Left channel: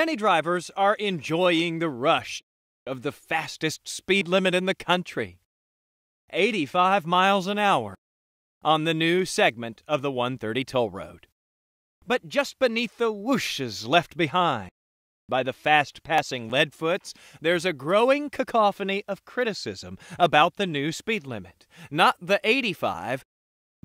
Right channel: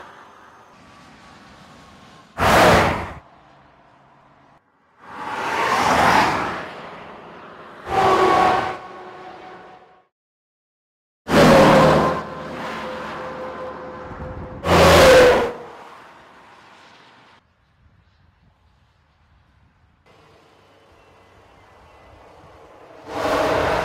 Many drivers are enjoying the rush, the fastest speed limit in the country, 85 miles an hour on the new segment of the 130 toll road. But just beneath the whooshes left behind by the fast-passing leadfoots, there's a growing cacophony of criticism about the new speed limit. Not the 85,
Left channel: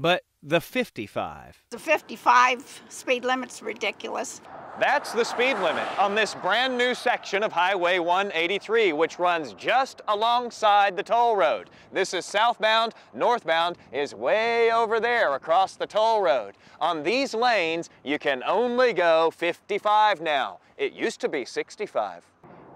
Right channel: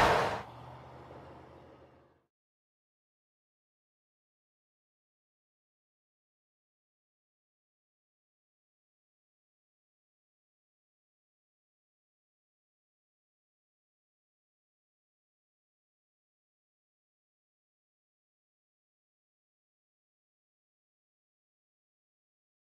but the 55. The 55 speed limit's ridiculous. That's the speed limit on this brand new section of Highway 183, which runs just alongside the toll road. This is southbound, northbound is way over there across the toll road. On these lanes, you can only go 55 now. It used to be 65.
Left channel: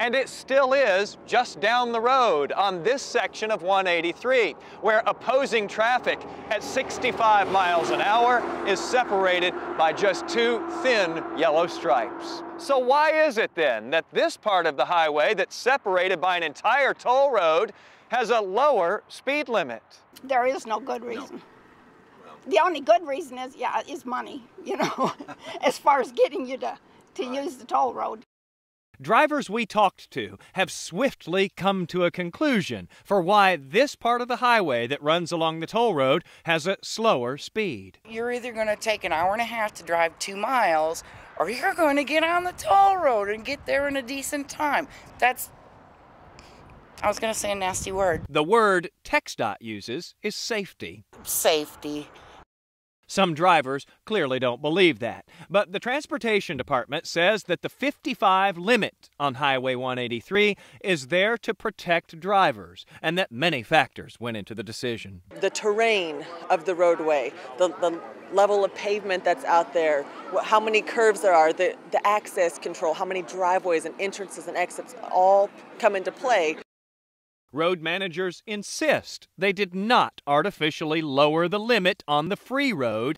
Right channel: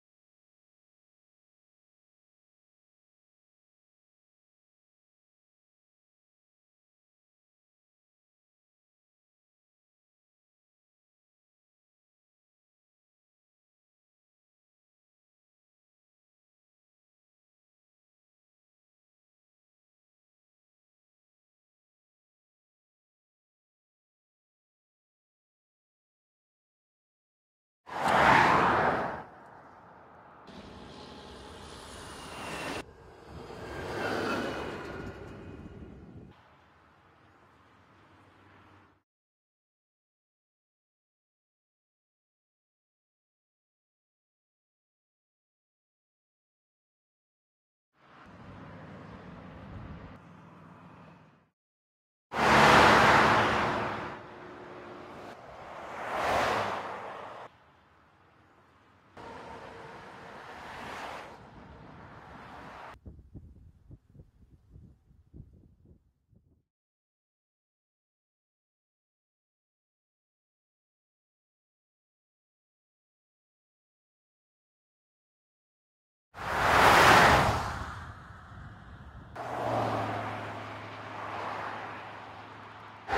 And it still is just down the road on this section of 183, where opposing traffic at 65 miles an hour is separated by just two thin yellow stripes. So why is it then that this part of the highway that's separated by an entire toll road has a lower speed limit? There is no good reason. The only good reason is money, you know, as far as getting you to use the toll road. Drivers we talked to have swiftly come to a conclusion for why this part of the highway that runs along the toll road has a slower speed. You're either going to take an hour and a half to drive 2 miles, or you're going to get on the toll road and get there in a decent time. I was going to say a nasty word. The word TxDOT uses is safety. Safety. Some drivers clearly don't believe that. But the Transportation Department says that the 55 limit on Highway 183 is there to protect drivers, and that many factors went into the decision. The terrain of the roadway, the level of pavement that's out there, how many curves there are, the access control, how many driveways and entrances and exits all come into play. Road managers insist they did not artificially lower the limit on the free road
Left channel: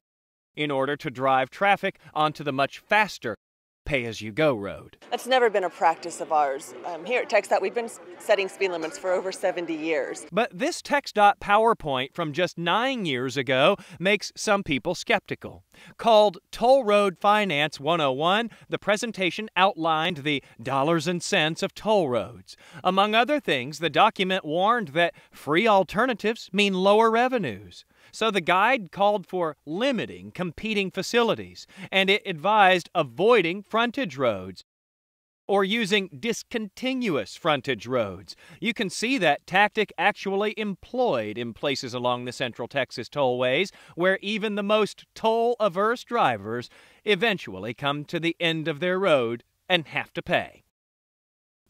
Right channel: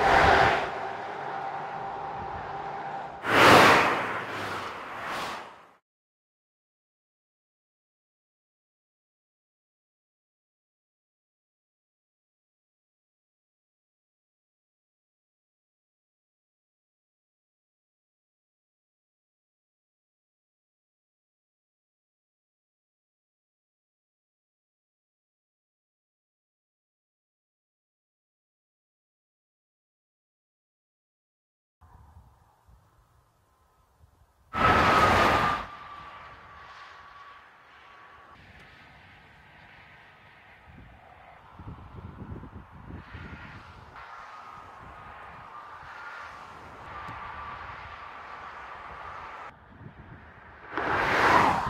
in order to drive traffic onto the much faster pay-as-you-go road. That's never been a practice of ours. Here at TxDOT, we've been setting speed limits for over 70 years. But this TxDOT PowerPoint from just 9 years ago makes some people skeptical. Called Toll Road Finance 101, the presentation outlined the dollars and cents of toll roads. Among other things, the document warned that free alternatives mean lower revenues. So the guide called for limiting competing facilities, and it advised avoiding frontage roads or using discontinuous frontage roads. You can see that tactic actually employed in places along the Central Texas tollways, where even the most toll-averse drivers eventually come to the end of their road and have to pay.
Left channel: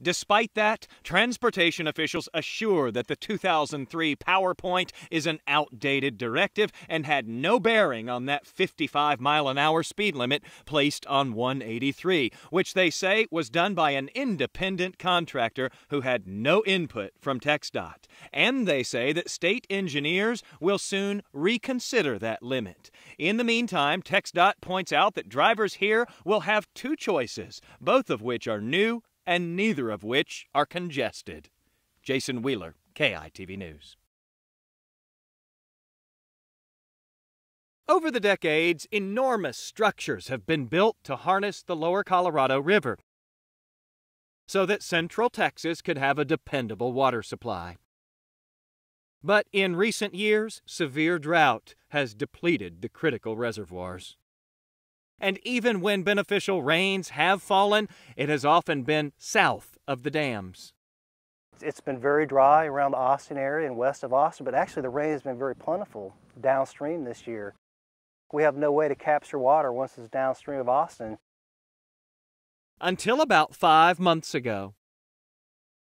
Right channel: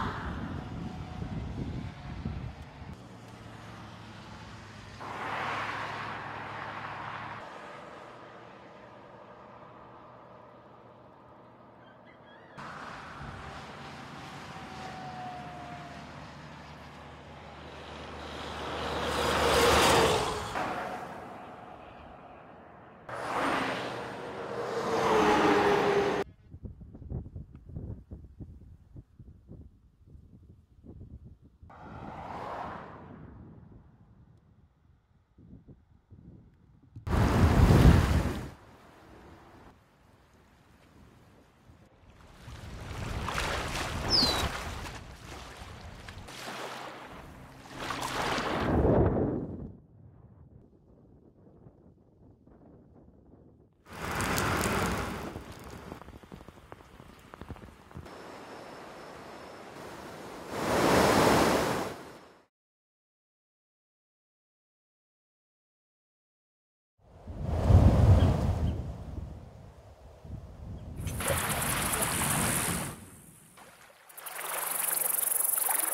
Despite that, transportation officials assure that the 2003 PowerPoint is an outdated directive and had no bearing on that 55-mile-an-hour speed limit placed on 183, which they say was done by an independent contractor who had no input from TxDOT. And they say that state engineers will soon reconsider that limit. In the meantime, TxDOT points out that drivers here will have two choices, both of which are new and neither of which are congested. Jason Wheeler, KEYE TV News. Over the decades, enormous structures have been built to harness the lower Colorado River so that Central Texas could have a dependable water supply. But in recent years, severe drought has depleted the critical reservoirs. And even when beneficial rains have fallen, it has often been south of the dams. It's been very dry around the Austin area and west of Austin, but actually the rain has been very plentiful downstream this year. We have no way to capture water once it's downstream of Austin. Until about 5 months ago,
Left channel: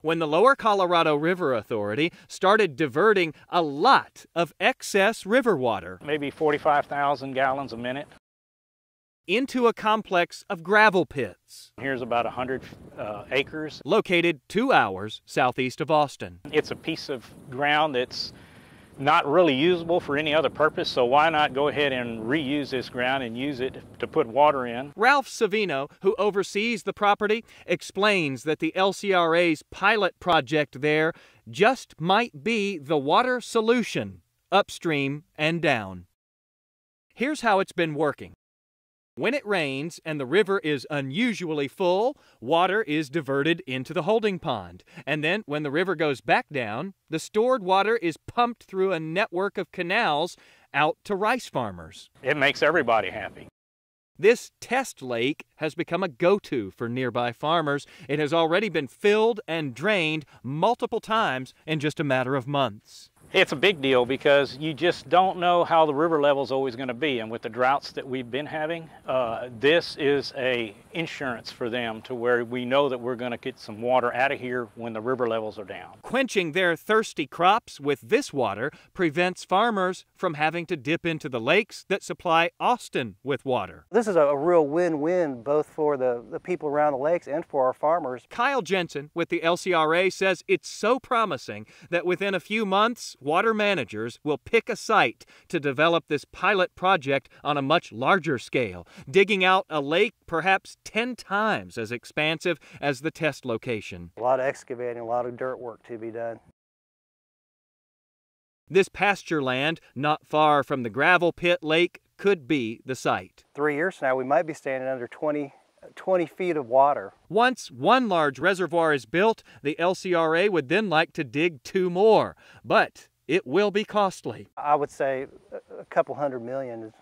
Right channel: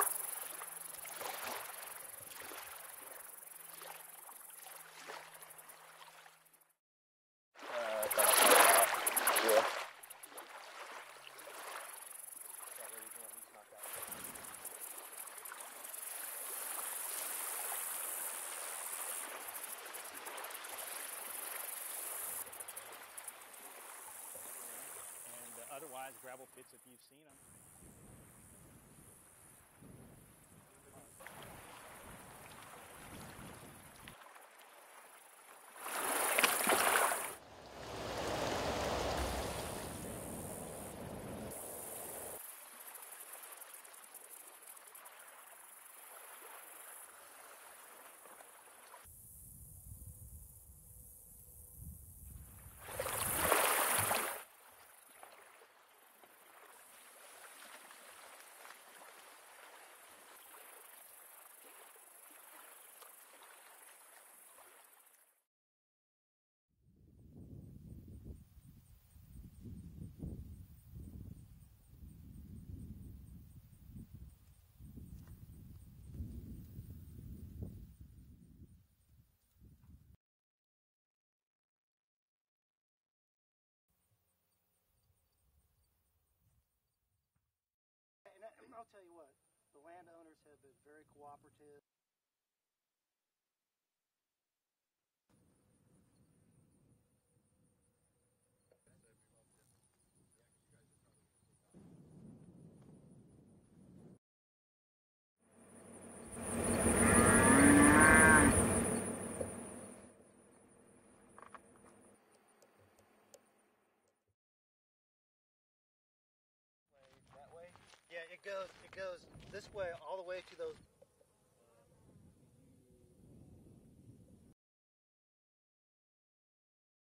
when the Lower Colorado River Authority started diverting a lot of excess river water, maybe 45,000 gallons a minute, into a complex of gravel pits. Here's about 100 acres. Located 2 hours southeast of Austin. It's a piece of ground that's not really usable for any other purpose, so why not go ahead and reuse this ground and use it to put water in? Ralph Savino, who oversees the property, explains that the LCRA's pilot project there just might be the water solution, upstream and down. Here's how it's been working. When it rains and the river is unusually full, Water is diverted into the holding pond, and then when the river goes back down, the stored water is pumped through a network of canals out to rice farmers. It makes everybody happy. This test lake has become a go-to for nearby farmers. It has already been filled and drained multiple times in just a matter of months. It's a big deal because you just don't know how the river level is always going to be, and with the droughts that we've been having, this is a insurance for them to where we know that we're going to get some water out of here when the river levels are down. Quenching their thirsty crops with this water prevents farmers from having to dip into the lakes that supply Austin with water. This is a real win-win both for the people around the lakes and for our farmers. Kyle Jensen with the LCRA says it's so promising that within a few months, water managers will pick a site to develop this pilot project on a much larger scale, digging out a lake perhaps 10 times as expansive as the test location. A lot of excavating, a lot of dirt work to be done. This pasture land, not far from the gravel pit lake, could be the site. 3 years from now, we might be standing under 20 feet of water. Once one large reservoir is built, the LCRA would then like to dig 2 more, but it will be costly. I would say a couple $100 million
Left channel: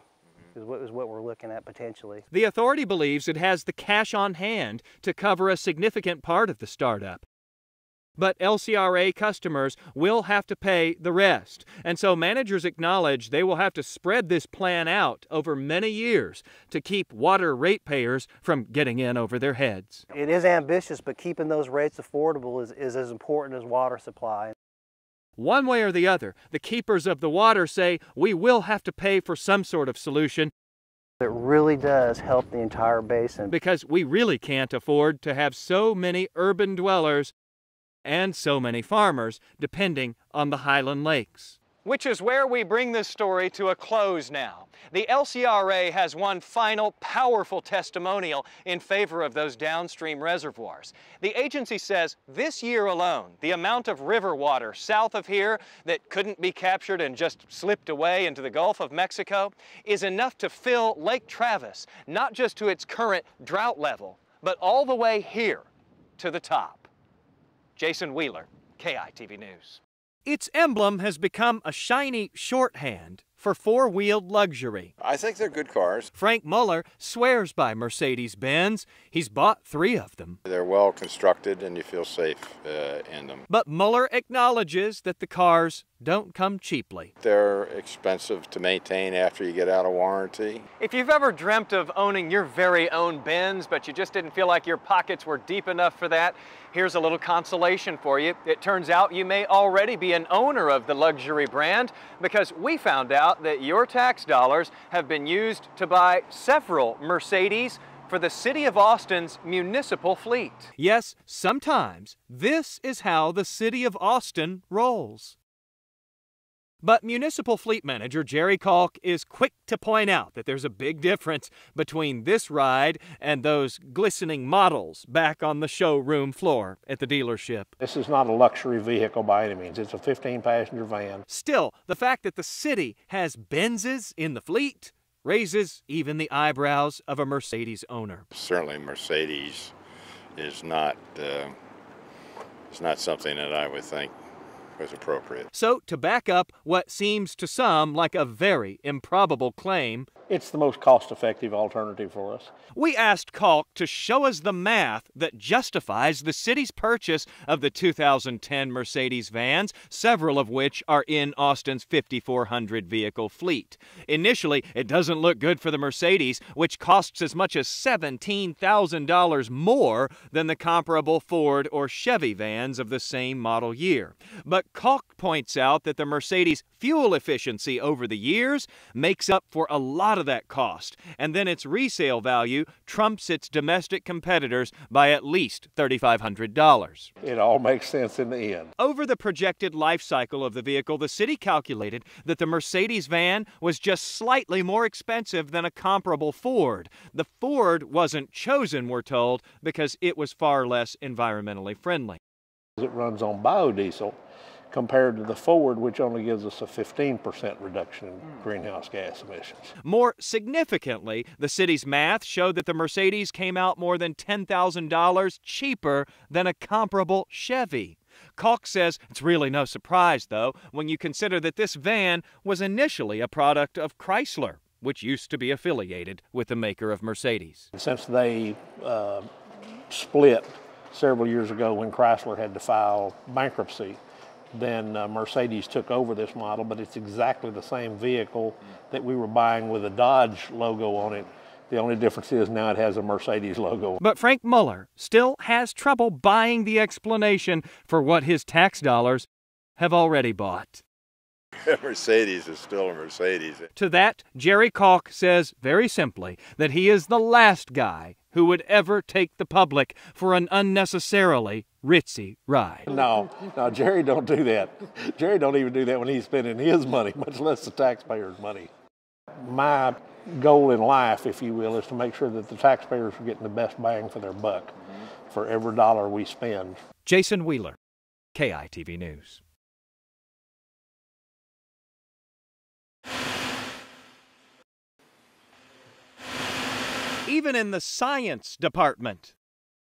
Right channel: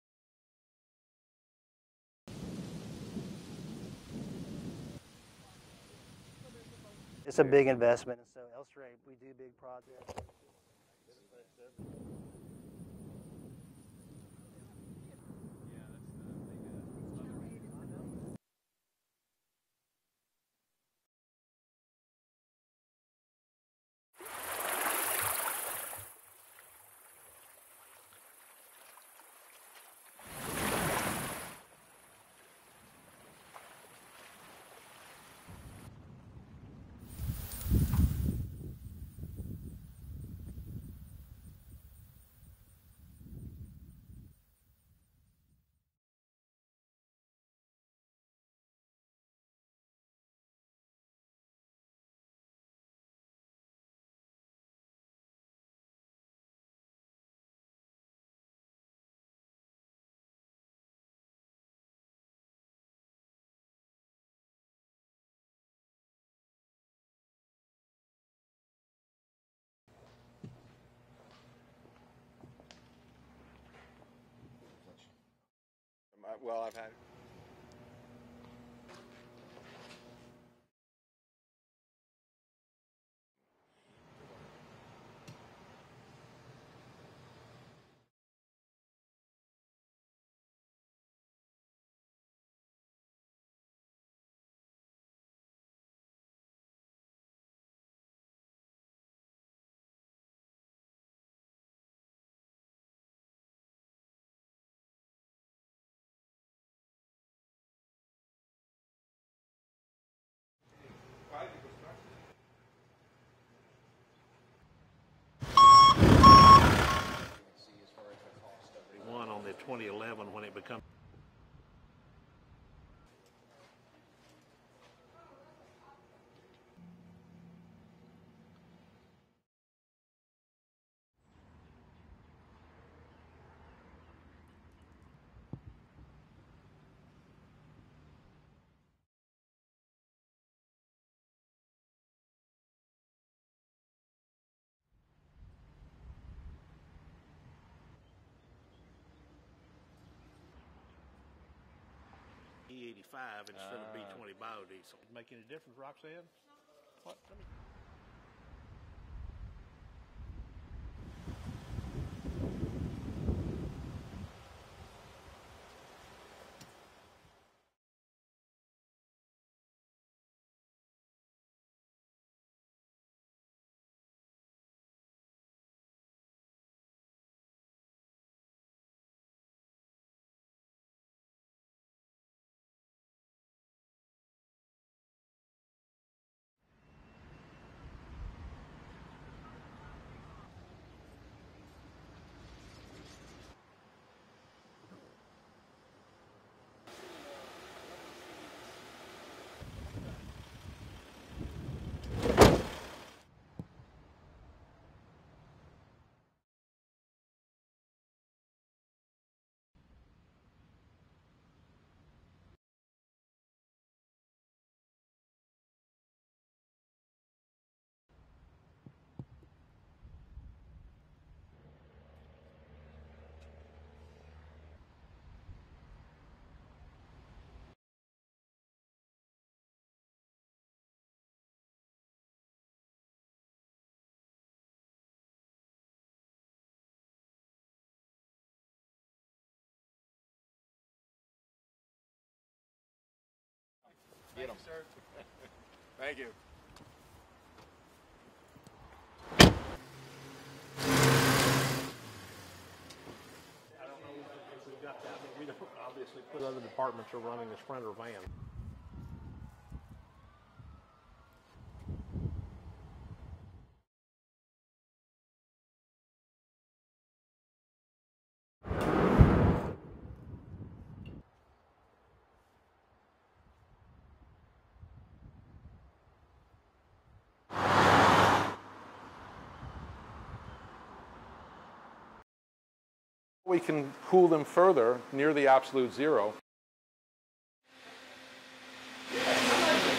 is what we're looking at potentially. The authority believes it has the cash on hand to cover a significant part of the startup. It's a big investment. But LCRA customers will have to pay the rest. And so managers acknowledge they will have to spread this plan out over many years to keep water ratepayers from getting in over their heads. It is ambitious, but keeping those rates affordable is as important as water supply. One way or the other, the keepers of the water say we will have to pay for some sort of solution. It really does help the entire basin. Because we really can't afford to have so many urban dwellers and so many farmers depending on the Highland Lakes. Which is where we bring this story to a close now. The LCRA has one final powerful testimonial in favor of those downstream reservoirs. The agency says this year alone, the amount of river water south of here that couldn't be captured and just slipped away into the Gulf of Mexico is enough to fill Lake Travis, not just to its current drought level, but all the way here to the top. Jason Wheeler, KEYE TV News. Its emblem has become a shiny shorthand for four-wheeled luxury. I think they're good cars. Frank Muller swears by Mercedes-Benz. He's bought 3 of them. They're well constructed and you feel safe in them. But Muller acknowledges that the cars don't come cheaply. They're expensive to maintain after you get out of warranty. If you've ever dreamt of owning your very own Benz, but you just didn't feel like your pockets were deep enough for that, here's a little consolation for you. It turns out you may already be an owner of the luxury brand because we found out that your tax dollars have been used to buy several Mercedes for the City of Austin's municipal fleet. Yes, sometimes this is how the City of Austin rolls. But Municipal Fleet Manager Jerry Kalk is quick to point out that there's a big difference between this ride and those glistening models back on the showroom floor at the dealership. This is not a luxury vehicle by any means. It's a 15-passenger van. Still, the fact that the city has Benzes in the fleet raises even the eyebrows of a Mercedes owner. Certainly Mercedes is not something that I would think was appropriate. So, to back up what seems to some like a very improbable claim, it's the most cost-effective alternative for us. We asked Kalk to show us the math that justifies the city's purchase of the 2010 Mercedes vans, several of which are in Austin's 5,400 vehicle fleet. Initially, it doesn't look good for the Mercedes, which costs as much as $17,000 more than the comparable Ford or Chevy vans of the same model year. But Kalk points out that the Mercedes fuel efficiency over the years makes up for a lot of that cost, and then its resale value trumps its domestic competitors by at least $3,500. It all makes sense in the end. Over the projected life cycle of the vehicle, the city calculated that the Mercedes van was just slightly more expensive than a comparable Ford. The Ford wasn't chosen, we're told, because it was far less environmentally friendly. It runs on biodiesel. compared to the Ford, which only gives us a 15% reduction in greenhouse gas emissions. More significantly, the city's math showed that the Mercedes came out more than $10,000 cheaper than a comparable Chevy. Kalk says it's really no surprise, though, when you consider that this van was initially a product of Chrysler, which used to be affiliated with the maker of Mercedes. Since they split several years ago when Chrysler had to file bankruptcy, then Mercedes took over this model, but it's exactly the same vehicle that we were buying with a Dodge logo on it. The only difference is now it has a Mercedes logo. But Frank Muller still has trouble buying the explanation for what his tax dollars have already bought. A Mercedes is still a Mercedes. To that, Jerry Kalk says very simply that he is the last guy who would ever take the public for an unnecessarily ritzy ride. No, Jerry don't do that. Jerry don't even do that when he's spending his money, much less the taxpayers' money. My goal in life, if you will, is to make sure that the taxpayers are getting the best bang for their buck for every dollar we spend. Jason Wheeler, KEYE News. We can cool them further near the absolute zero. Even in the science department,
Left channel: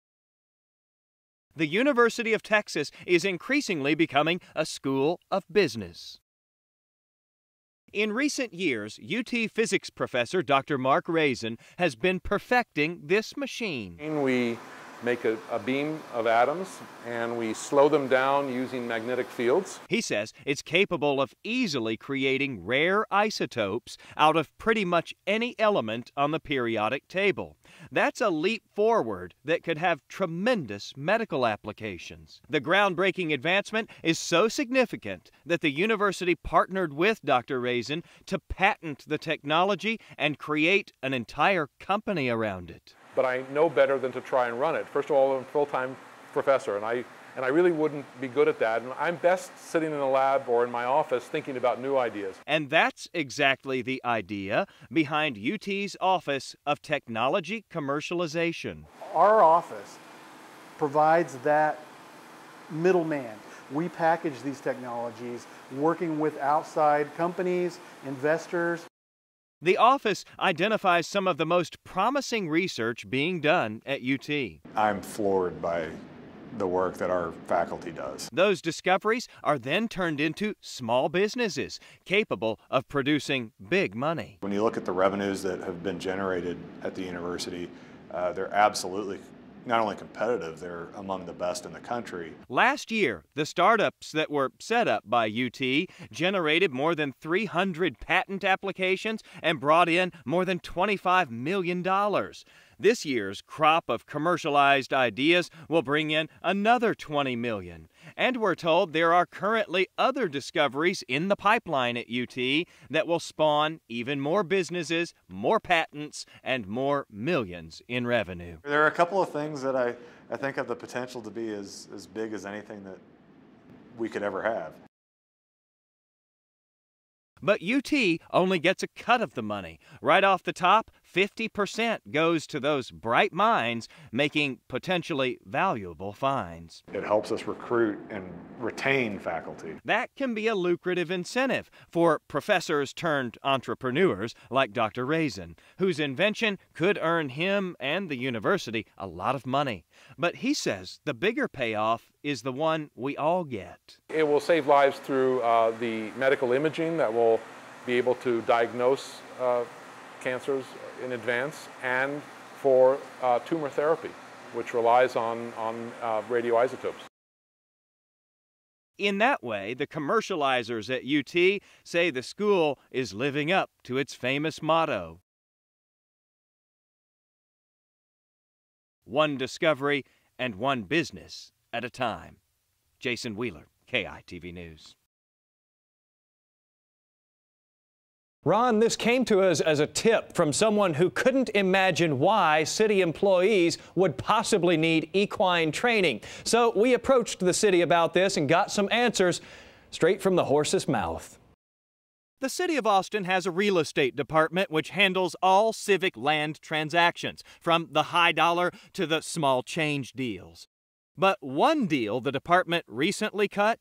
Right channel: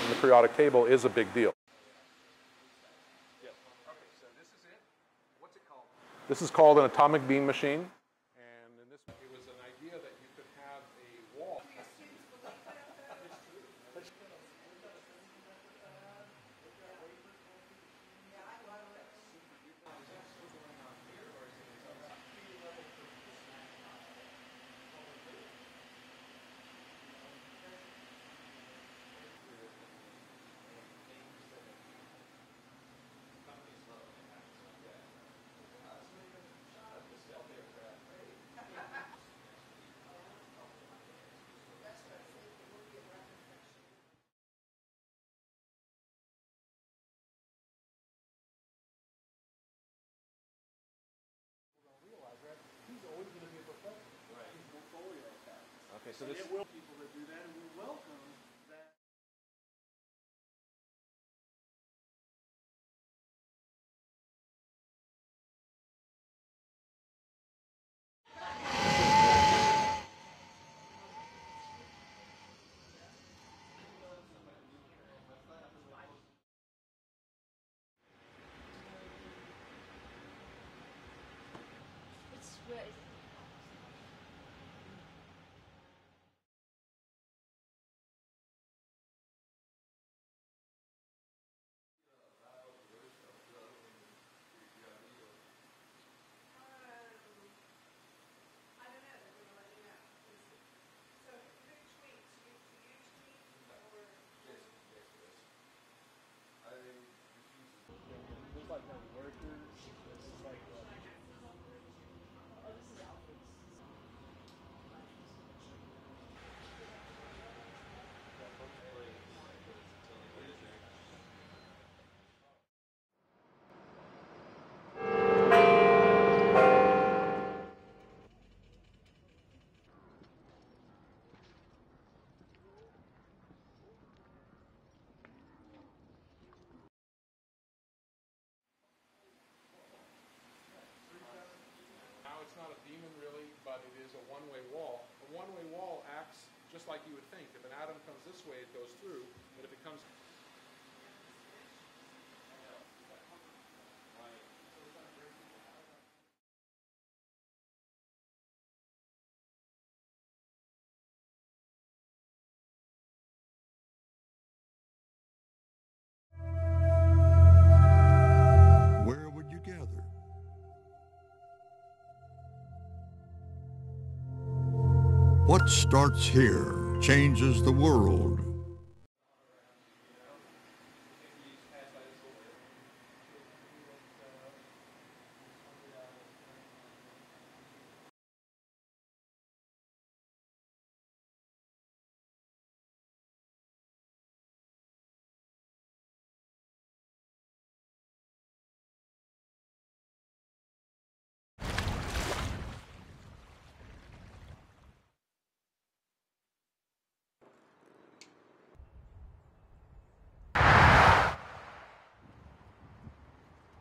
The periodic table is a big deal. the University of Texas is increasingly becoming a school of business. This is called an atomic beam machine. In recent years, UT physics professor Dr. Mark Raisin has been perfecting this machine. We make a beam of atoms and we slow them down using magnetic fields. He says it's capable of easily creating rare isotopes out of pretty much any element on the periodic table. That's a leap forward that could have tremendous medical applications. The groundbreaking advancement is so significant that the university partnered with Dr. Raisin to patent the technology and create an entire company around it. But I know better than to try and run it. First of all, I'm a full-time professor, and I really wouldn't be good at that. And I'm best sitting in a lab or in my office thinking about new ideas. And that's exactly the idea behind UT's Office of Technology Commercialization. Our office provides that middleman. We package these technologies, working with outside companies, investors. The office identifies some of the most promising research being done at UT. I'm floored by the work that our faculty does. Those discoveries are then turned into small businesses capable of producing big money. When you look at the revenues that have been generated at the university, they're absolutely not only competitive, they're among the best in the country. Last year, the startups that were set up by UT generated more than 300 patent applications and brought in more than $25 million. This year's crop of commercialized ideas will bring in another $20 million. And we're told there are currently other discoveries in the pipeline at UT that will spawn even more businesses, more patents, and more millions in revenue. There are a couple of things that I think have the potential to be as big as anything that we could ever have. But UT only gets a cut of the money. Right off the top, 50% goes to those bright minds making potentially valuable finds. It helps us recruit and retain faculty. That can be a lucrative incentive for professors turned entrepreneurs like Dr. Raisin, whose invention could earn him and the university a lot of money. But he says the bigger payoff is the one we all get. It will save lives through the medical imaging that will be able to diagnose cancers in advance, and for tumor therapy, which relies on radioisotopes. In that way, the commercializers at UT say the school is living up to its famous motto. What starts here changes the world. One discovery and one business at a time. Jason Wheeler, KEYE News. Ron, this came to us as a tip from someone who couldn't imagine why city employees would possibly need equine training. So we approached the city about this and got some answers straight from the horse's mouth. The City of Austin has a real estate department which handles all civic land transactions, from the high dollar to the small change deal. But one deal the department recently cut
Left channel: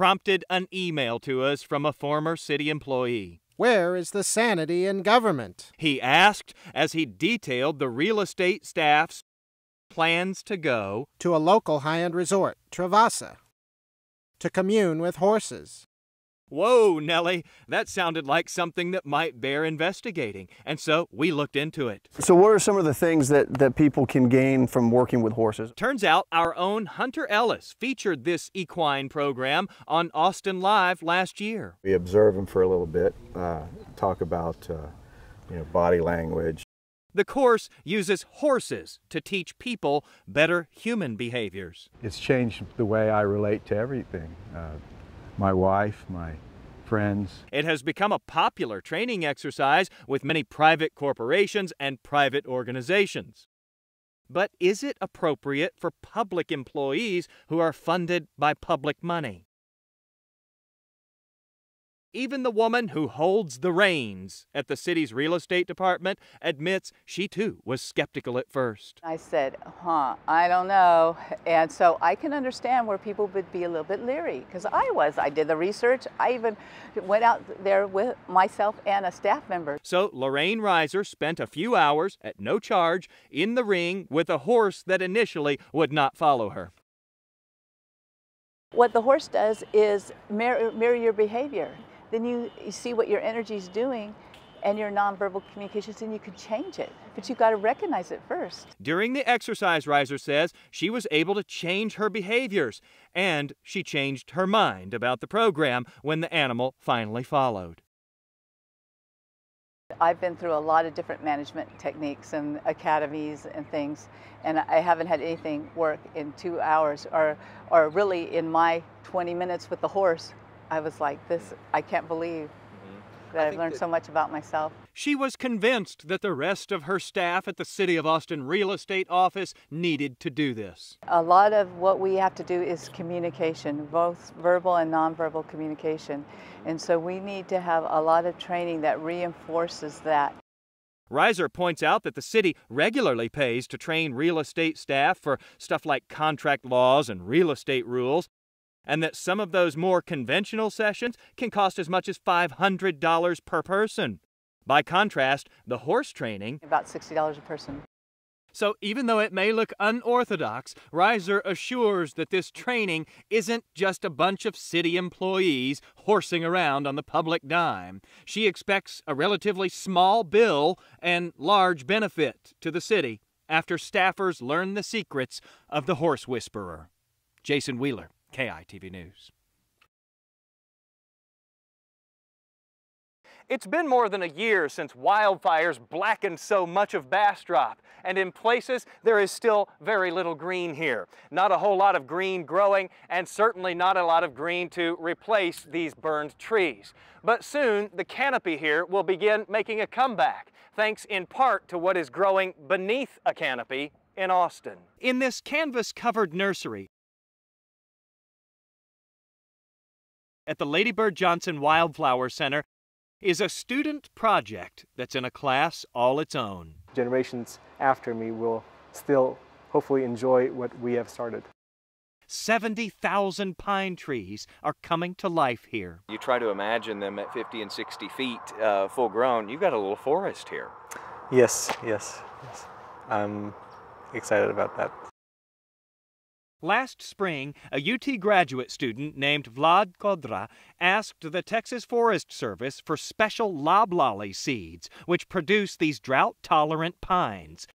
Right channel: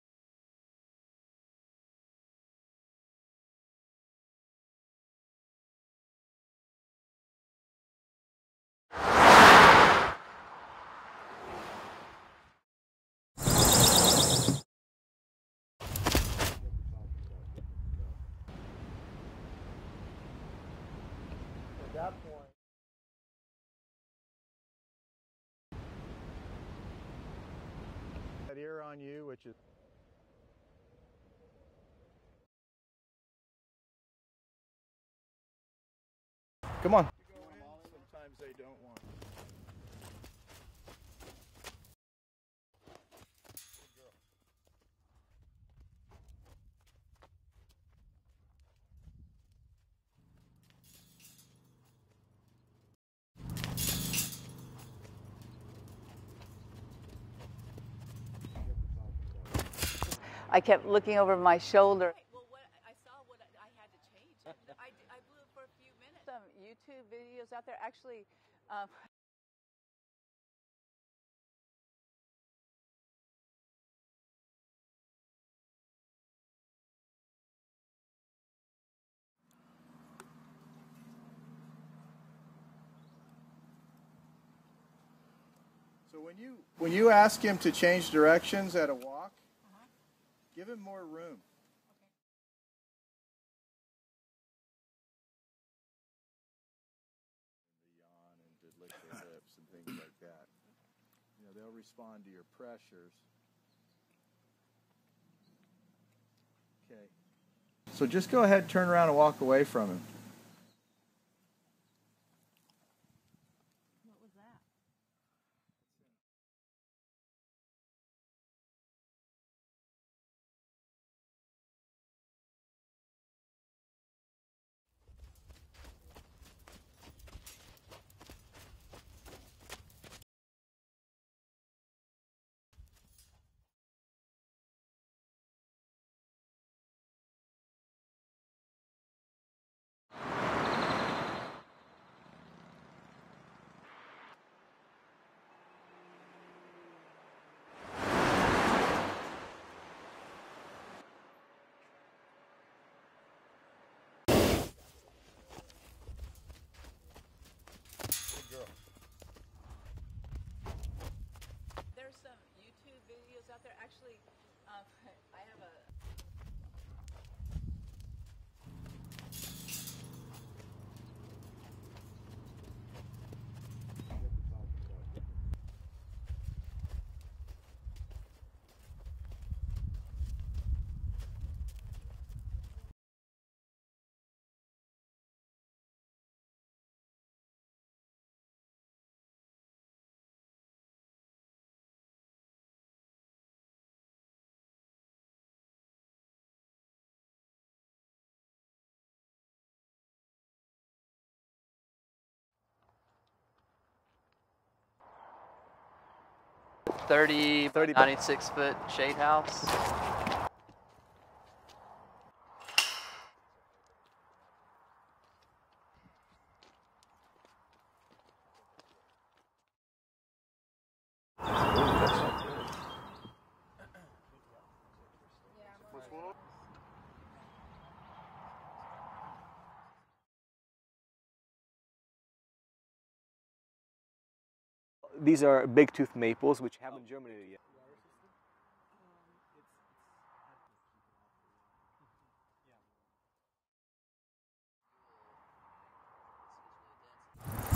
prompted an email to us from a former city employee. Where is the sanity in government? He asked as he detailed the real estate staff's plans to go to a local high-end resort, Travasa, to commune with horses. Whoa, Nellie, that sounded like something that might bear investigating, and so we looked into it. So what are some of the things that people can gain from working with horses? Turns out our own Hunter Ellis featured this equine program on Austin Live last year. We observe them for a little bit, talk about body language. Come on. The course uses horses to teach people better human behaviors. It's changed the way I relate to everything. My wife, my friends. It has become a popular training exercise with many private corporations and private organizations. But is it appropriate for public employees who are funded by public money? I kept looking over my shoulder. Even the woman who holds the reins at the city's real estate department admits she too was skeptical at first. I said, I don't know. And so I can understand where people would be a little bit leery, because I did the research. I even went out there with myself and a staff member. So Lorraine Reiser spent a few hours at no charge in the ring with a horse that initially would not follow her. When you ask him to change directions, what the horse does is mirror your behavior. Then you see what your energy is doing and your nonverbal communications, and you can change it. But you've got to recognize it first. During the exercise, Reiser says, she was able to change her behaviors, and she changed her mind about the program when the animal finally followed. So just go ahead, turn around, and walk away from it. I've been through a lot of different management techniques and academies and things, and I haven't had anything work in 2 hours, or really in my 20 minutes with the horse. I was like, I can't believe that I've learned so much about myself. She was convinced that the rest of her staff at the City of Austin Real Estate Office needed to do this. A lot of what we have to do is communication, both verbal and nonverbal communication. And so we need to have a lot of training that reinforces that. Reiser points out that the city regularly pays to train real estate staff for stuff like contract laws and real estate rules, and that some of those more conventional sessions can cost as much as $500 per person. By contrast, the horse training, about $60 a person. So even though it may look unorthodox, Reiser assures that this training isn't just a bunch of city employees horsing around on the public dime. She expects a relatively small bill and large benefit to the city after staffers learn the secrets of the horse whisperer. Jason Wheeler, KEYE TV News. It's been more than a year since wildfires blackened so much of Bastrop, and in places there is still very little green here. Not a whole lot of green growing, and certainly not a lot of green to replace these burned trees. But soon the canopy here will begin making a comeback, thanks in part to what is growing beneath a canopy in Austin. In this canvas-covered nursery, 96-foot shade house at the Lady Bird Johnson Wildflower Center, is a student project that's in a class all its own. Generations after me will still hopefully enjoy what we have started. 70,000 pine trees are coming to life here. You try to imagine them at 50 and 60 feet full grown, you've got a little forest here. Yes. I'm excited about that. These are big-tooth maples. Last spring, a UT graduate student named Vlad Kodra asked the Texas Forest Service for special loblolly seeds, which produce these drought-tolerant pines.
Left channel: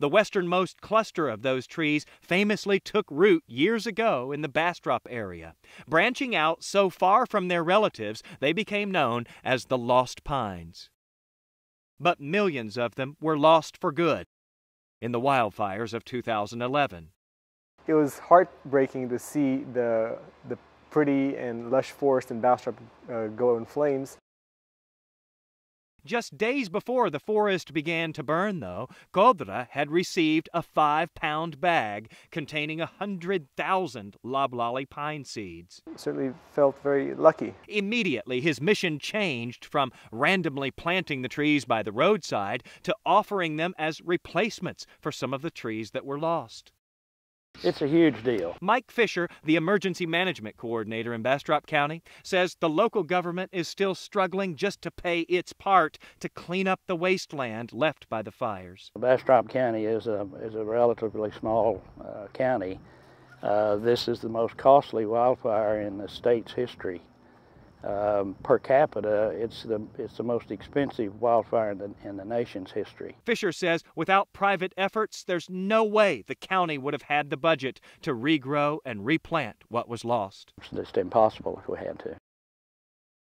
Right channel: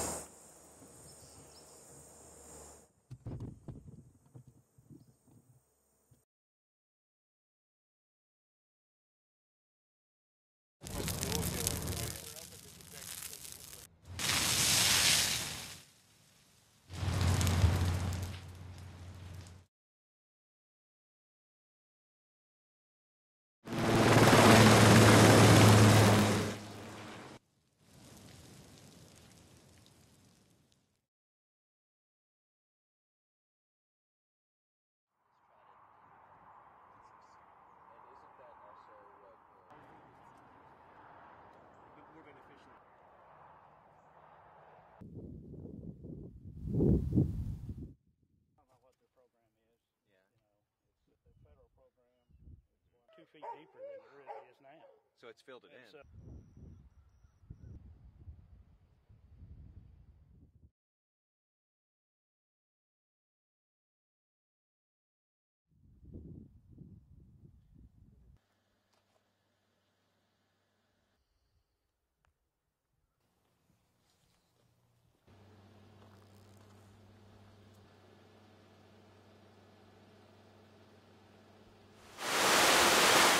The westernmost cluster of those trees famously took root years ago in the Bastrop area. Branching out so far from their relatives, they became known as the Lost Pines. But millions of them were lost for good in the wildfires of 2011. It was heartbreaking to see the pretty and lush forest in Bastrop go in flames. Just days before the forest began to burn, though, Kodra had received a 5-pound bag containing 100,000 loblolly pine seeds. Certainly felt very lucky. Immediately, his mission changed from randomly planting the trees by the roadside to offering them as replacements for some of the trees that were lost. It's a huge deal. Mike Fisher, the emergency management coordinator in Bastrop County, says the local government is still struggling just to pay its part to clean up the wasteland left by the fires. Bastrop County is a relatively small county. This is the most costly wildfire in the state's history. Per capita, it's the most expensive wildfire in the nation's history. Fisher says without private efforts, there's no way the county would have had the budget to regrow and replant what was lost. It's impossible if we had to.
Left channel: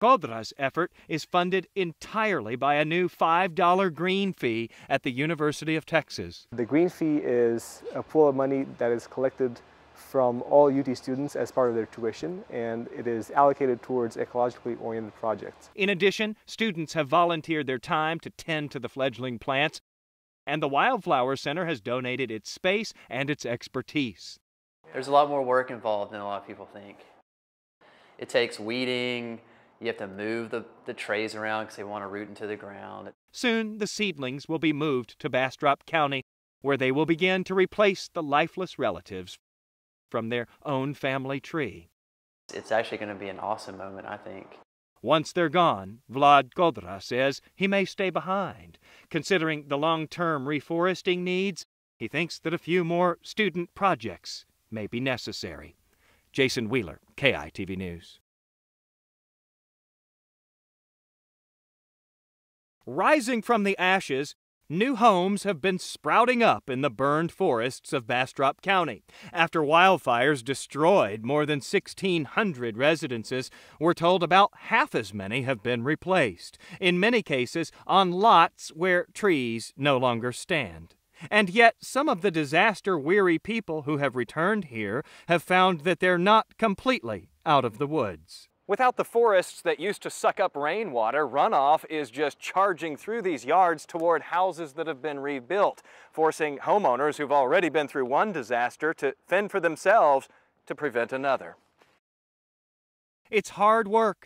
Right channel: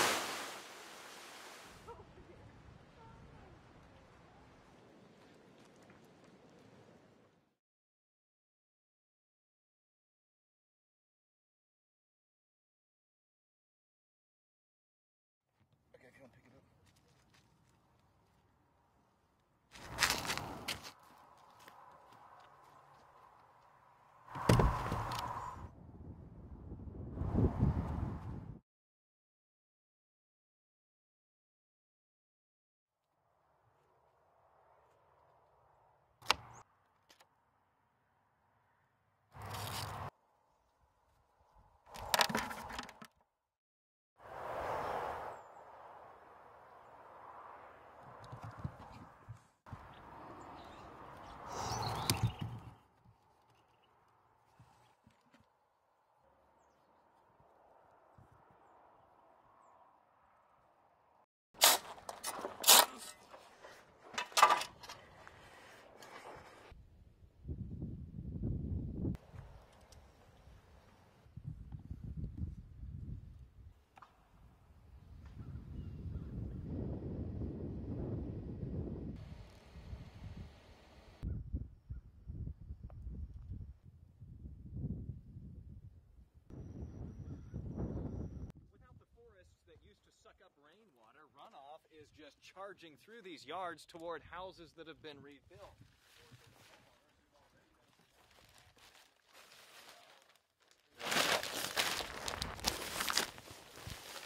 Codra's effort is funded entirely by a new $5 green fee at the University of Texas. The green fee is a pool of money that is collected from all UT students as part of their tuition, and it is allocated towards ecologically oriented projects. In addition, students have volunteered their time to tend to the fledgling plants, and the Wildflower Center has donated its space and its expertise. There's a lot more work involved than a lot of people think. It takes weeding, you have to move the trays around because they want to root into the ground. Soon, the seedlings will be moved to Bastrop County, where they will begin to replace the lifeless relatives from their own family tree. It's actually going to be an awesome moment, I think. Once they're gone, Vlad Kodra says he may stay behind. Considering the long-term reforesting needs, he thinks that a few more student projects may be necessary. Jason Wheeler, KEYE TV News. Rising from the ashes, new homes have been sprouting up in the burned forests of Bastrop County. After wildfires destroyed more than 1,600 residences, we're told about half as many have been replaced, in many cases on lots where trees no longer stand. And yet, some of the disaster-weary people who have returned here have found that they're not completely out of the woods. Without the forests that used to suck up rainwater, runoff is just charging through these yards toward houses that have been rebuilt, forcing homeowners who've already been through one disaster to fend for themselves to prevent another. It's hard work.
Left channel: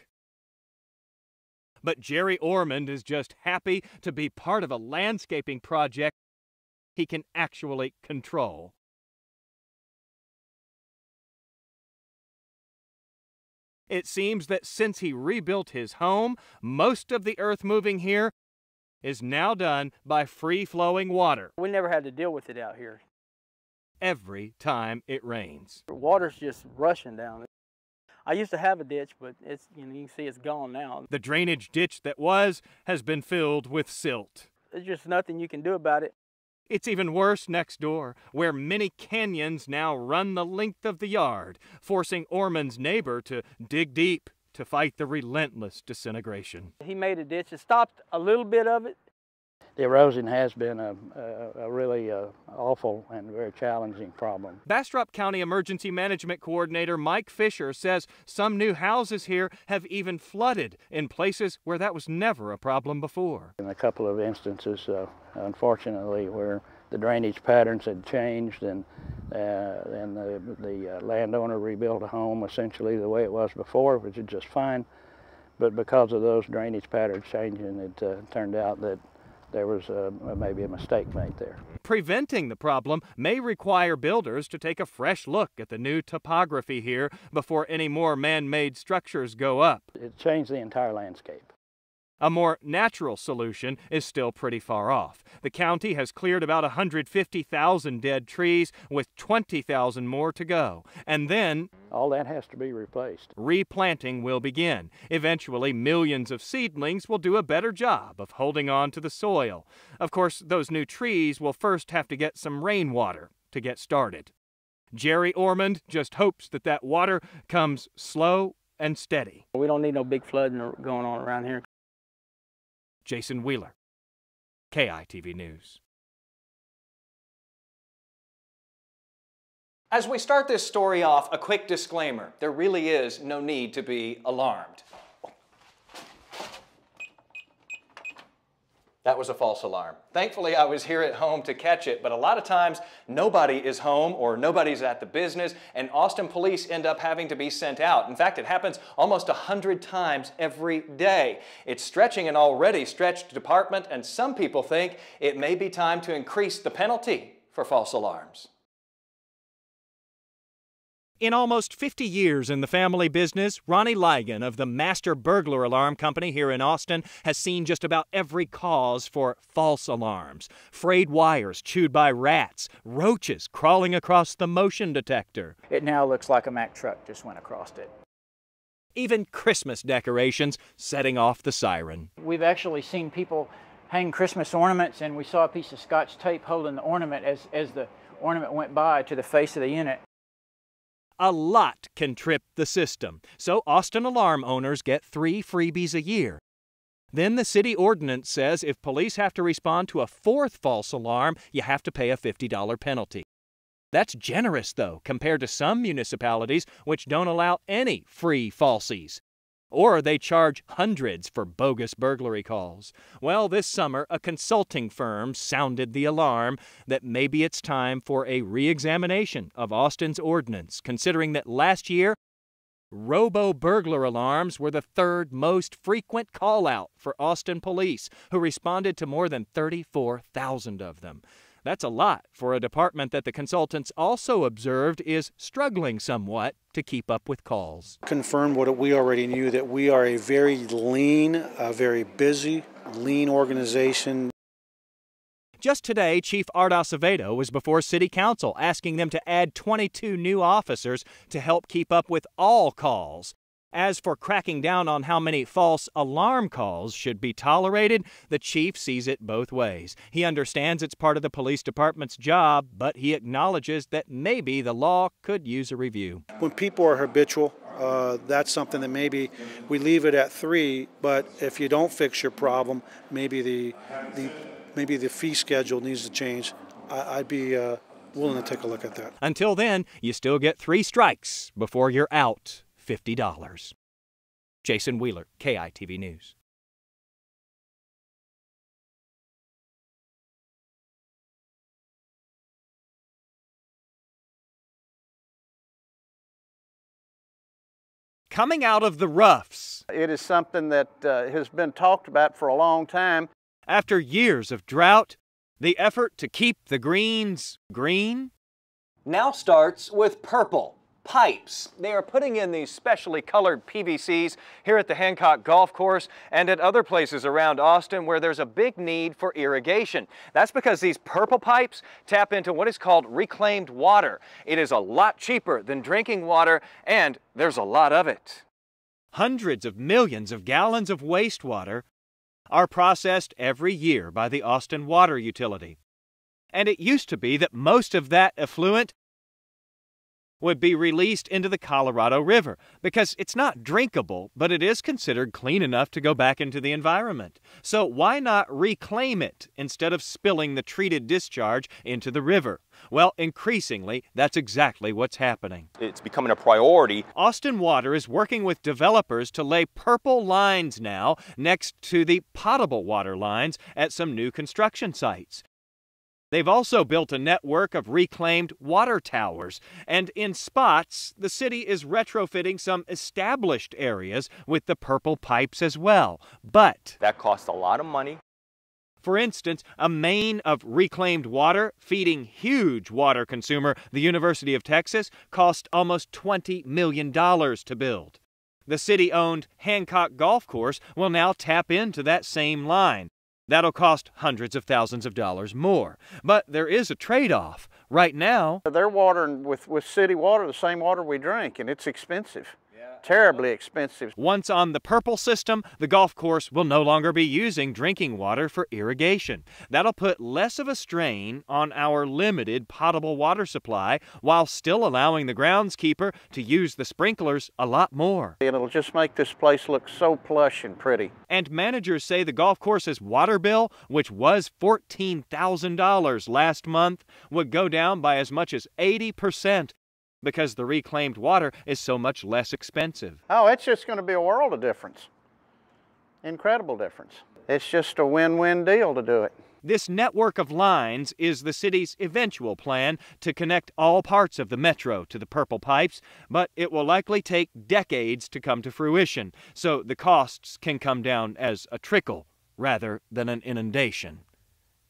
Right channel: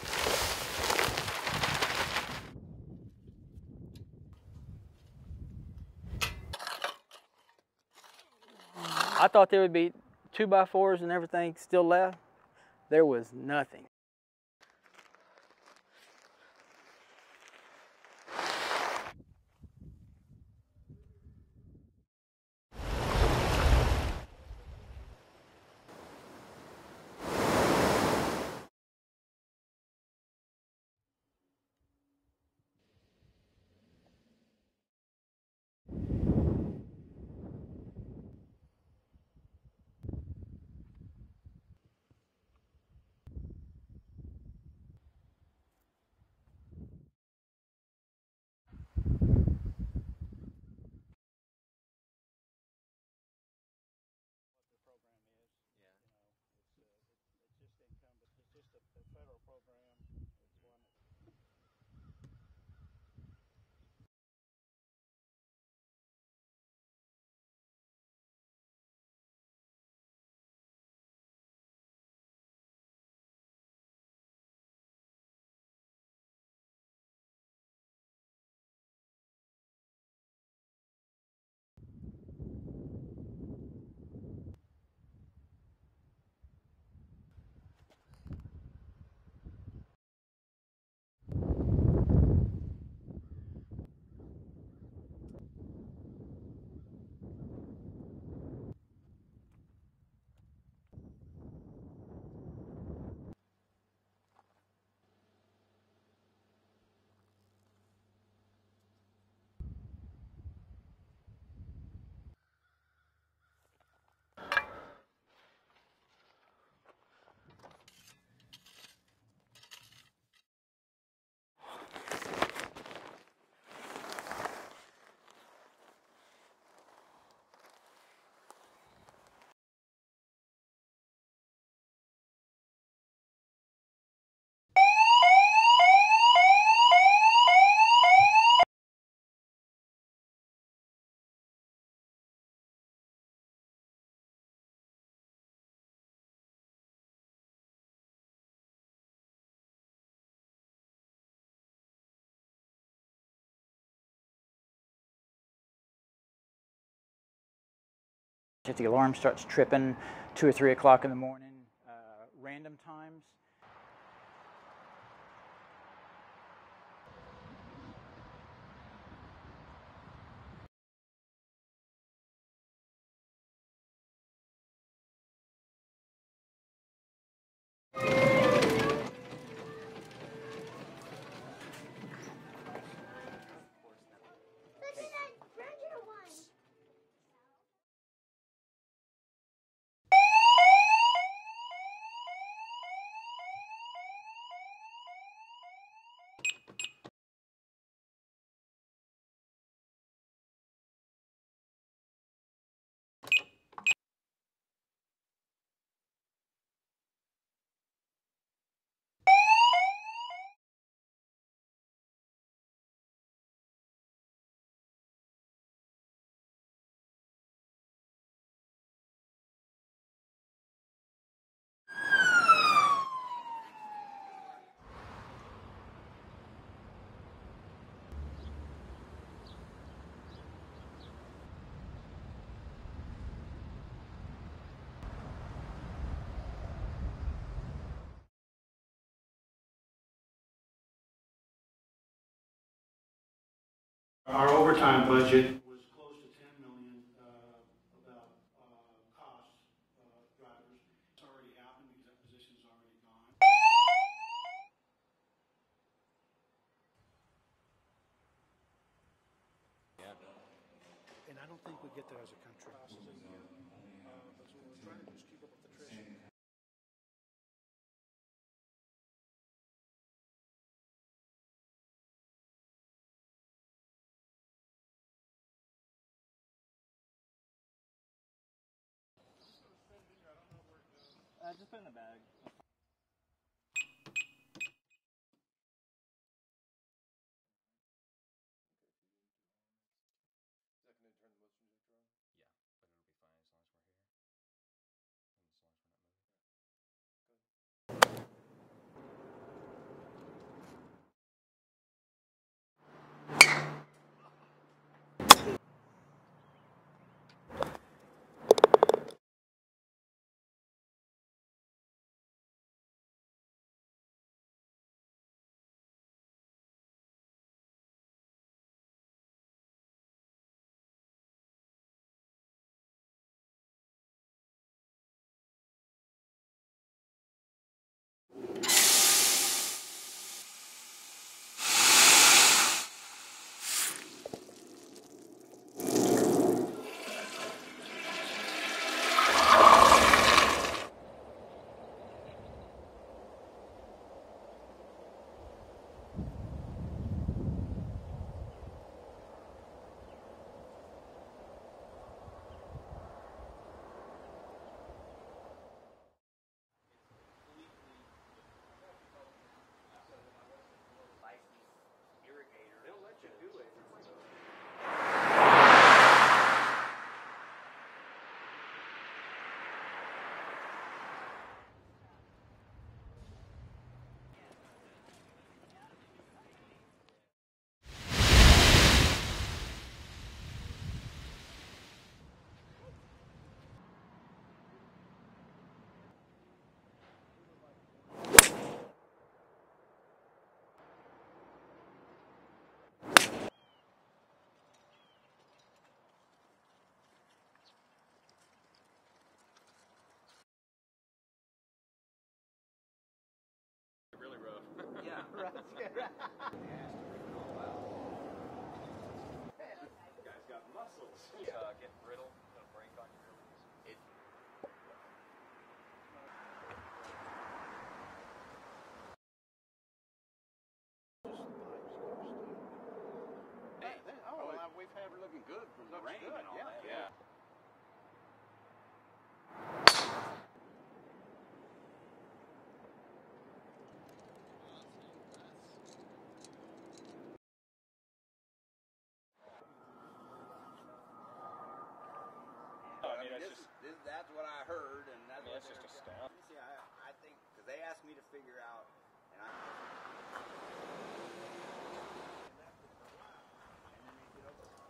But Jerry Ormond is just happy to be part of a landscaping project he can actually control. I thought there would be 2x4s and everything still left. There was nothing. It seems that since he rebuilt his home, most of the earth moving here is now done by free-flowing water. We never had to deal with it out here. Every time it rains. The water's just rushing down. I used to have a ditch, but it's, you can see it's gone now. The drainage ditch that was has been filled with silt. There's just nothing you can do about it. It's even worse next door, where many canyons now run the length of the yard, forcing Ormond's neighbor to dig deep to fight the relentless disintegration. He made a ditch. It stopped a little bit of it. The erosion has been a really awful and very challenging problem. Bastrop County Emergency Management Coordinator Mike Fisher says some new houses here have even flooded in places where that was never a problem before. In a couple of instances, unfortunately, where the drainage patterns had changed and the landowner rebuilt a home essentially the way it was before, which is just fine. But because of those drainage patterns changing, it turned out that there was maybe a mistake made there. Preventing the problem may require builders to take a fresh look at the new topography here before any more man-made structures go up. It changed the entire landscape. A more natural solution is still pretty far off. The county has cleared about 150,000 dead trees with 20,000 more to go. And then all that has to be replaced. Replanting will begin. Eventually, millions of seedlings will do a better job of holding on to the soil. Of course, those new trees will first have to get some rainwater to get started. Jerry Ormond just hopes that that water comes slow and steady. We don't need no big flooding going on around here. Jason Wheeler, KEYE TV News. As we start this story off, a quick disclaimer. There really is no need to be alarmed. That was a false alarm. Thankfully, I was here at home to catch it, but a lot of times nobody is home or nobody's at the business, and Austin police end up having to be sent out. In fact, it happens almost 100 times every day. It's stretching an already stretched department, and some people think it may be time to increase the penalty for false alarms. If the alarm starts tripping 2 or 3 o'clock in the morning. In almost 50 years in the family business, Ronnie Ligon of the Master Burglar Alarm Company here in Austin has seen just about every cause for false alarms. Frayed wires chewed by rats, roaches crawling across the motion detector. It now looks like a Mack truck just went across it. Even Christmas decorations setting off the siren. We've actually seen people hang Christmas ornaments, and we saw a piece of Scotch tape holding the ornament as the ornament went by to the face of the unit. A lot can trip the system, so Austin alarm owners get 3 freebies a year. Then the city ordinance says if police have to respond to a 4th false alarm, you have to pay a $50 penalty. That's generous, though, compared to some municipalities which don't allow any free falsies. Or they charge hundreds for bogus burglary calls. Well, this summer, a consulting firm sounded the alarm that maybe it's time for a re-examination of Austin's ordinance, considering that last year, robo-burglar alarms were the 3rd most frequent call-out for Austin police, who responded to more than 34,000 of them. That's a lot for a department that the consultants also observed is struggling somewhat to keep up with calls. Confirmed what we already knew, that we are a very lean, very busy, lean organization. Our overtime budget. Just today, Chief Art Acevedo was before City Council asking them to add 22 new officers to help keep up with all calls. As for cracking down on how many false alarm calls should be tolerated, the chief sees it both ways. He understands it's part of the police department's job, but he acknowledges that maybe the law could use a review. When people are habitual, that's something that maybe we leave it at 3, but if you don't fix your problem, maybe the fee schedule needs to change. I'd be willing to take a look at that. Until then, you still get 3 strikes before you're out $50. Jason Wheeler, KEYE News. Coming out of the roughs. It is something that has been talked about for a long time. After years of drought, the effort to keep the greens green Now starts with purple pipes. They are putting in these specially colored PVCs here at the Hancock Golf Course and at other places around Austin where there's a big need for irrigation. That's because these purple pipes tap into what is called reclaimed water. It is a lot cheaper than drinking water, and there's a lot of it. Hundreds of millions of gallons of wastewater are processed every year by the Austin Water Utility. And it used to be that most of that effluent would be released into the Colorado River because it's not drinkable, but it is considered clean enough to go back into the environment. So why not reclaim it instead of spilling the treated discharge into the river? Well, increasingly, that's exactly what's happening. It's becoming a priority. Austin Water is working with developers to lay purple lines now next to the potable water lines at some new construction sites. They've also built a network of reclaimed water towers, and in spots, the city is retrofitting some established areas with the purple pipes as well. But that costs a lot of money. For instance, a main of reclaimed water feeding huge water consumer, the University of Texas, cost almost $20 million to build. The city-owned Hancock Golf Course will now tap into that same line. That'll cost hundreds of thousands of dollars more. But there is a trade-off. Right now, they're watering with city water, the same water we drink, and it's expensive. Terribly expensive. Once on the purple system, the golf course will no longer be using drinking water for irrigation. That'll put less of a strain on our limited potable water supply while still allowing the groundskeeper to use the sprinklers a lot more. It'll just make this place look so plush and pretty. And managers say the golf course's water bill, which was $14,000 last month, would go down by as much as 80%. Because the reclaimed water is so much less expensive. Oh, it's just going to be a world of difference. Incredible difference. It's just a win-win deal to do it. This network of lines is the city's eventual plan to connect all parts of the metro to the purple pipes, but it will likely take decades to come to fruition, so the costs can come down as a trickle rather than an inundation.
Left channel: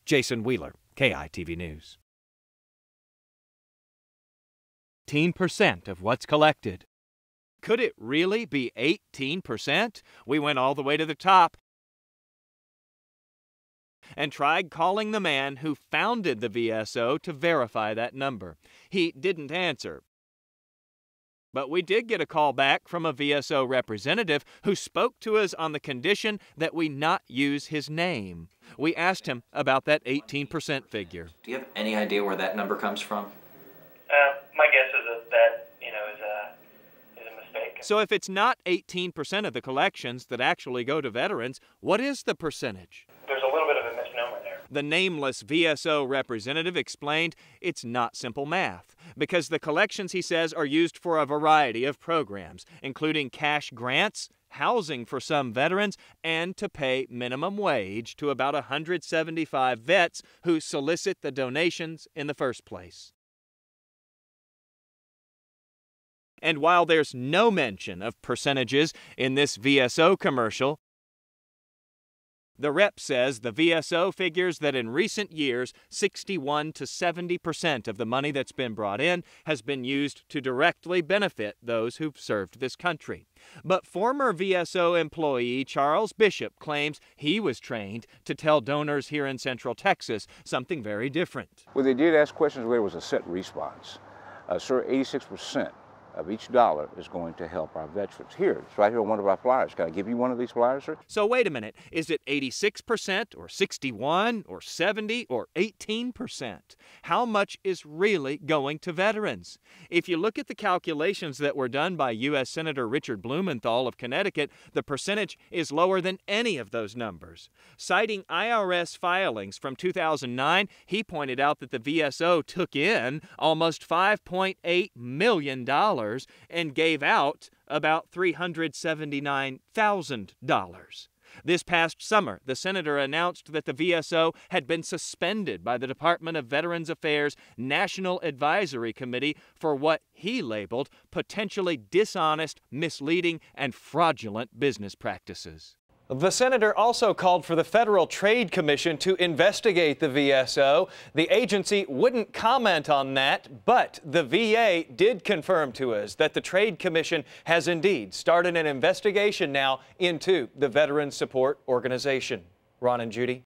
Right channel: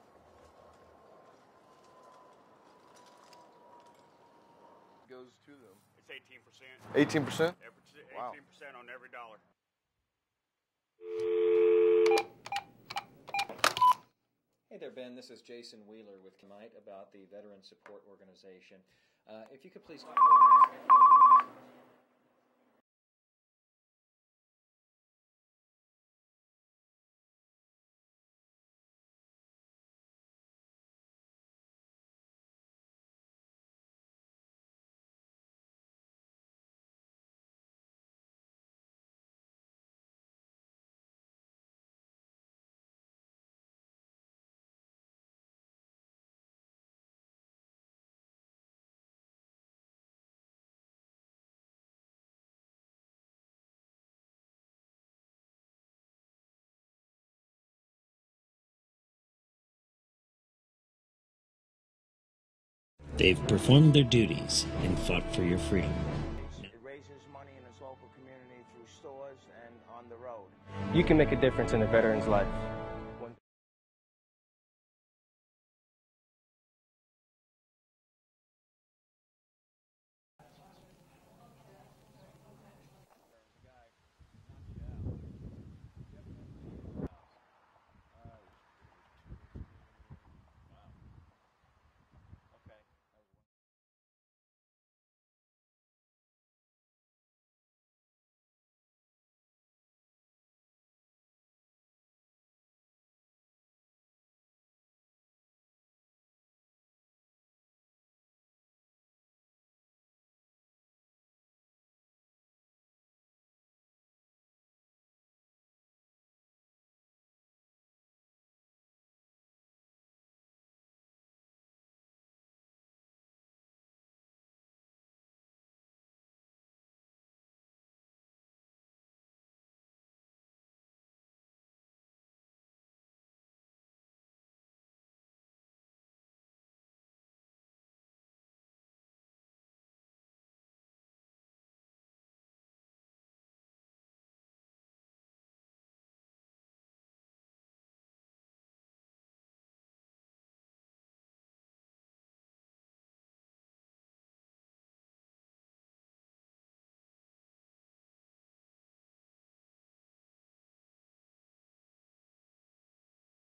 Jason Wheeler, KEYE News. 18% of what's collected. 18%? Could it really be 18%? We went all the way to the top and tried calling the man who founded the VSO to verify that number. He didn't answer. But we did get a call back from a VSO representative who spoke to us on the condition that we not use his name. We asked him about that 18% figure. Do you have any idea where that number comes from? My guess is that is a mistake. So if it's not 18% of the collections that actually go to veterans, what is the percentage? There's a little bit of a misnomer there. The nameless VSO representative explained it's not simple math, because the collections, he says, are used for a variety of programs, including cash grants, housing for some veterans, and to pay minimum wage to about 175 vets who solicit the donations in the first place. They've performed their duties and fought for your freedom. And while there's no mention of percentages in this VSO commercial, you can make a difference in a veteran's life. The rep says the VSO figures that in recent years, 61 to 70% of the money that's been brought in has been used to directly benefit those who've served this country. But former VSO employee Charles Bishop claims he was trained to tell donors here in Central Texas something very different. Well, they did ask questions where there was a set response. Sir, 86% of each dollar is going to help our veterans. Here, it's right here on one of our flyers. Can I give you one of these flyers, sir? So wait a minute, is it 86% or 61 or 70 or 18%? How much is really going to veterans? If you look at the calculations that were done by U.S. Senator Richard Blumenthal of Connecticut, the percentage is lower than any of those numbers. Citing IRS filings from 2009, he pointed out that the VSO took in almost $5.8 million and gave out about $379,000. This past summer, the senator announced that the VSO had been suspended by the Department of Veterans Affairs National Advisory Committee for what he labeled potentially dishonest, misleading, and fraudulent business practices. The senator also called for the Federal Trade Commission to investigate the VSO. The agency wouldn't comment on that, but the VA did confirm to us that the Trade Commission has indeed started an investigation now into the Veteran Support Organization. Ron and Judy.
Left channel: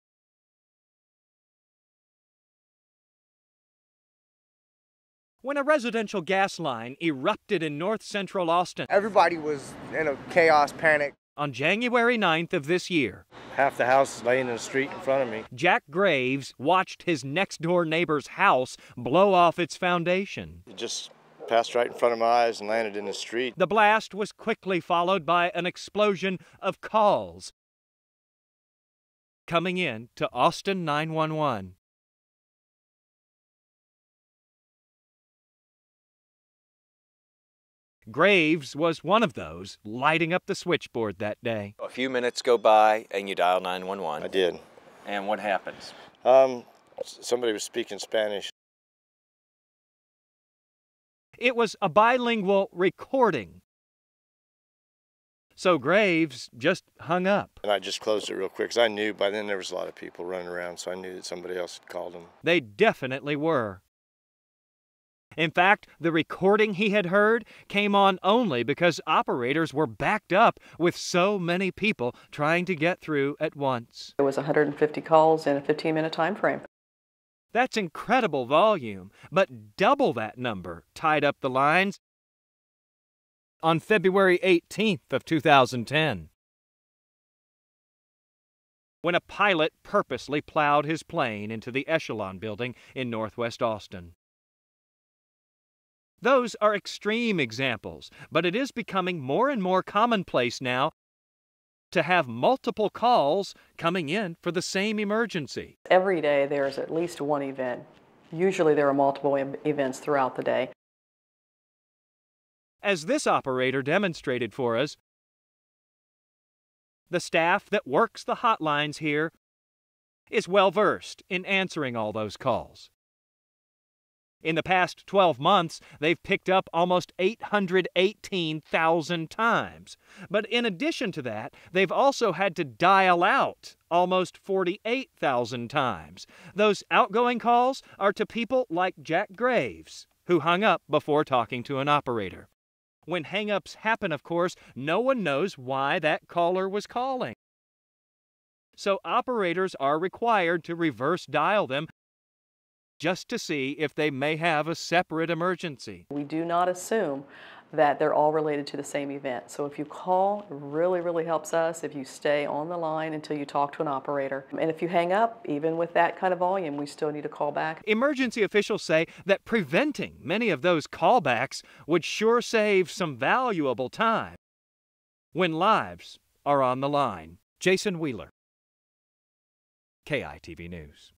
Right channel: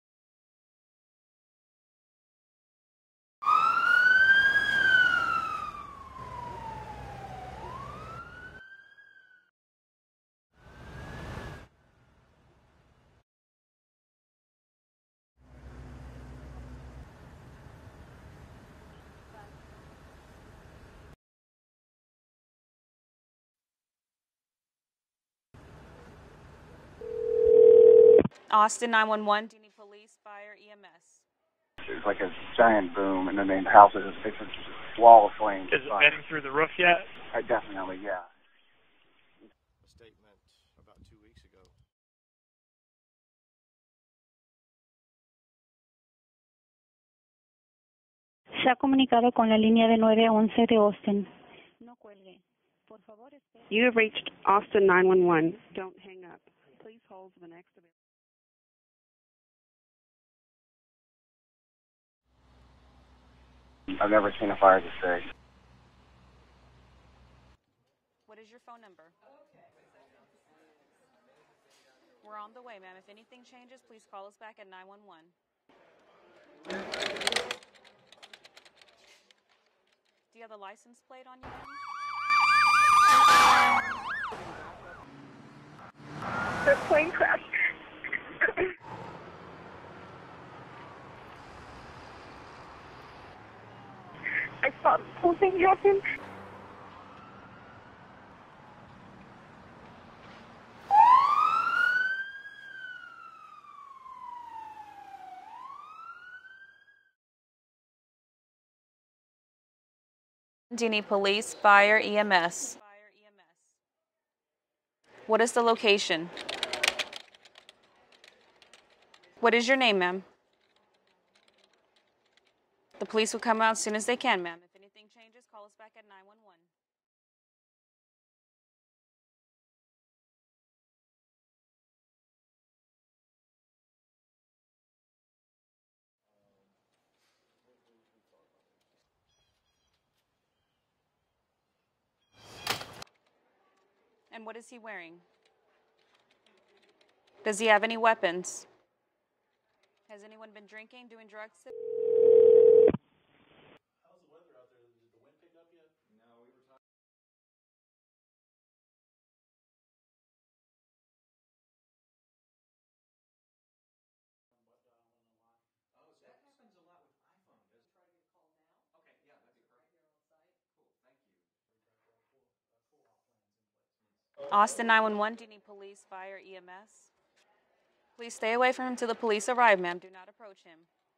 When a residential gas line erupted in north central Austin, everybody was in a chaos, panic. On January 9th of this year, half the house is laying in the street in front of me. Jack Graves watched his next-door neighbor's house blow off its foundation. It just passed right in front of my eyes and landed in the street. The blast was quickly followed by an explosion of calls. Austin 911. Coming in to Austin 911. It's like a giant boom, and then the house is a wall of flames. Is it bending through the roof yet? Definitely, yeah. Graves was one of those lighting up the switchboard that day. A few minutes go by and you dial 911. I did. And what happens? Somebody was speaking Spanish. Se ha comunicado con la línea de 911 de Austin. It was a bilingual recording. You have reached Austin 911. So Graves just hung up. And I just closed it real quick because I knew by then there was a lot of people running around, so I knew that somebody else had called them. They definitely were. I've never seen a fire this big. In fact, the recording he had heard came on only because operators were backed up with so many people trying to get through at once. There was 150 calls in a 15-minute time frame. That's incredible volume, but double that number tied up the lines on February 18th of 2010. The plane crashed. When a pilot purposely plowed his plane into the Echelon building in northwest Austin. I saw the whole thing happen. Those are extreme examples, but it is becoming more and more commonplace now to have multiple calls coming in for the same emergency. Every day there's at least one event. Usually there are multiple events throughout the day. Do you need police, fire, EMS? As this operator demonstrated for us, what is the location? The staff that works the hotlines here What is your name, ma'am? is well versed in answering all those calls. The police will come out as soon as they can, ma'am. In the past 12 months, they've picked up almost 818,000 times. But in addition to that, they've also had to dial out almost 48,000 times. Those outgoing calls are to people like Jack Graves, who hung up before talking to an operator. When hang-ups happen, of course, no one knows why that caller was calling. Does he have any weapons? So operators are required to reverse dial them just to see if they may have a separate emergency. We do not assume that they're all related to the same event. So if you call, it really helps us if you stay on the line until you talk to an operator. And if you hang up, even with that kind of volume, we still need to call back. Emergency officials say that preventing many of those callbacks would sure save some valuable time Austin 911. when lives are on the line. Jason Wheeler, Please stay away from him till the police arrive, ma'am. KEYE TV News.